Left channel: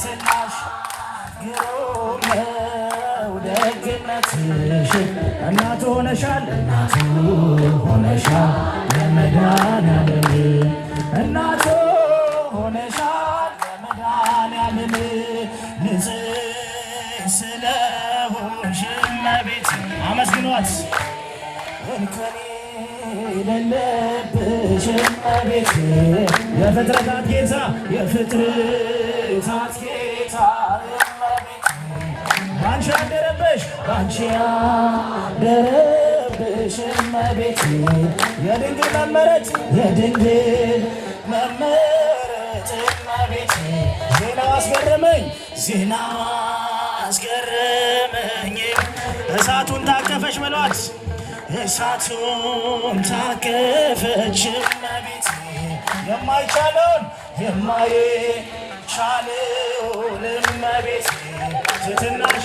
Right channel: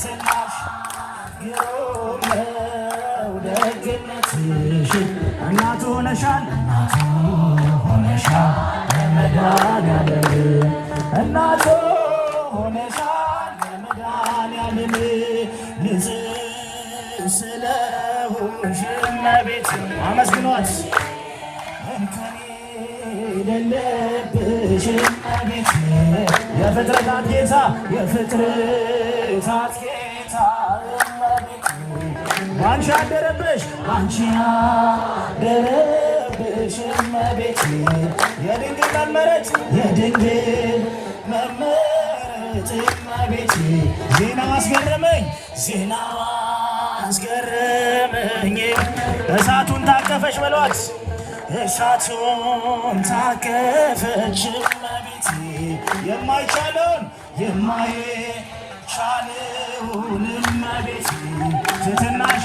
ትትናሽ ግሩም ነው ደግነትሽ እናቱ ሆነሻል ለመድኃኒዓለም እናቱ ሆነሻል ለመድኃኒዓለም ንጽሕት ስለሆንሽ እመቤት አመስግኗት የሌለብሽ እመቤት የፍጥረታት ጌታ የፍጥረታት ጌታ እመቤት ባንቺ አደረብሽ ባንቺ አደረብሽ እመቤት የድንግል መመረጥ የድንግል መመረጥ እመቤት ዜናው አስገረመኝ ዜናው አስገረመኝ እሳቱን ታቀፈች በሏት እሳቱን ታቀፈች እመቤት የማይቻለውን የማይቻለውን እመቤት ትትናሽ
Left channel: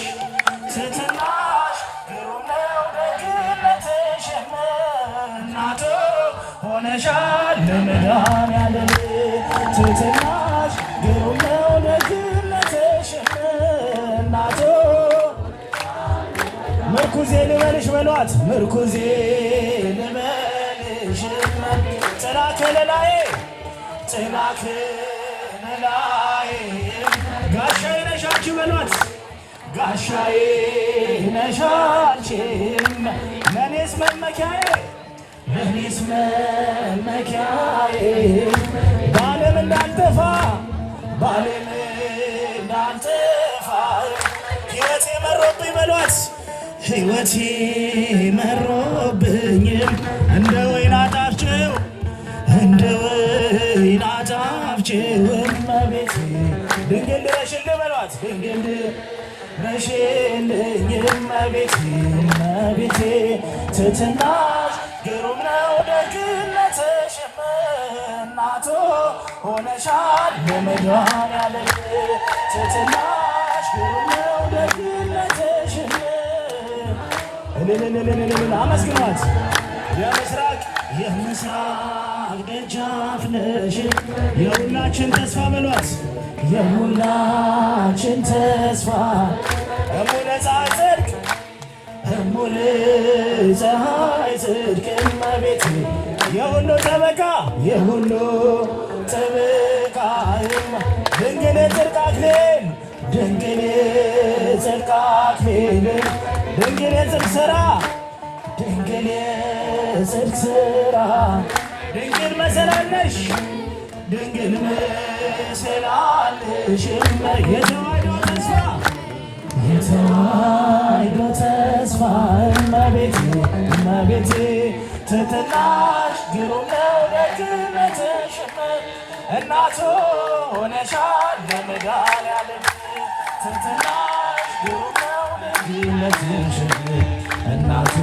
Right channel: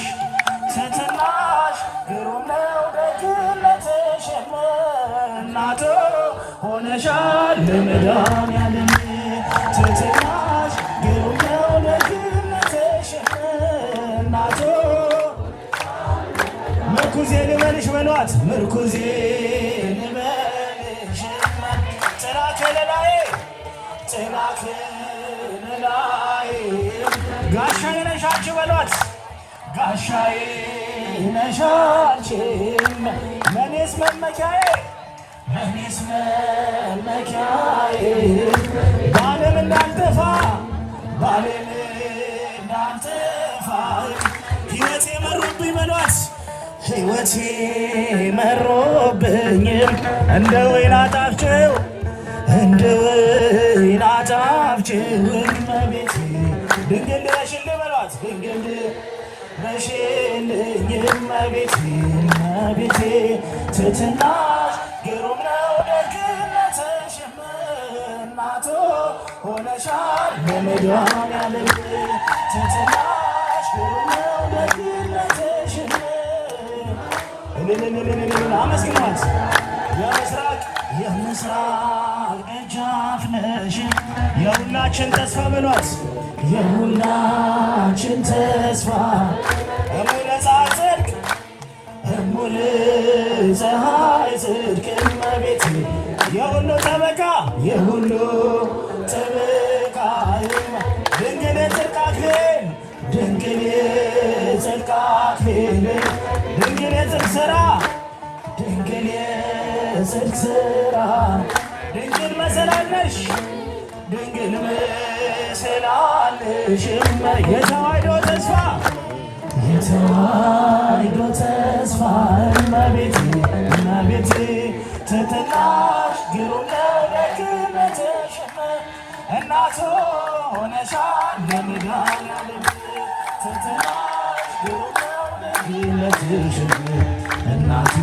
ግሩም ነው ደግነትሽ እናቱ ሆነሻል ለመድኃኒዓለም ትትናሽ ግሩም ነው ደግነትሽ እናቱ ምርኩዜ ልበልሽ በሏት ምርኩዜ ልበልሽ ጥላቴን ላይ ጋሻዬ ነሽ አንቺ በሏት ጋሻዬ ነሽ አንቺ ለእኔስ መመኪያዬ ባለም እንዳልጠፋ ሕይወቴ መሮብኝ በሏት ሕይወቴ መሮብኝም እንደ ወይን አጣፍጭው እመቤቴ ድንግል ነሽልኝ በሏት ድንግል ነሽልኝ እመቤቴ ትትናሽ ግሩም ነው ደግነትሽ እናቱ ሆነሻል ለመድኃኒዓለም ትትናሽ ግሩም ነው ደግነትሽ አመስግናት የምስራቅ ደጃፍ ነሽ የሁላችን ተስፋ በሏት የሁላችን ተስፋ እሙለ ፀሐይ ጽድቅ እመቤት የሁሉ ጠበቃ ድንግል የጽድቅ አክሊል ድንግል የጽድቅ ሥራ ድንግል መሰላል ነሽ ድንግል መሰላል ነሽ የተዋሕዶ ተስፋ እመቤቴ ትትናሽ ግሩም ነው ደግነትሽ እናቱ ሆነሻል ለመድኃኒዓለም ትትናሽ ግሩም ነው ደግነትሽ እናቱ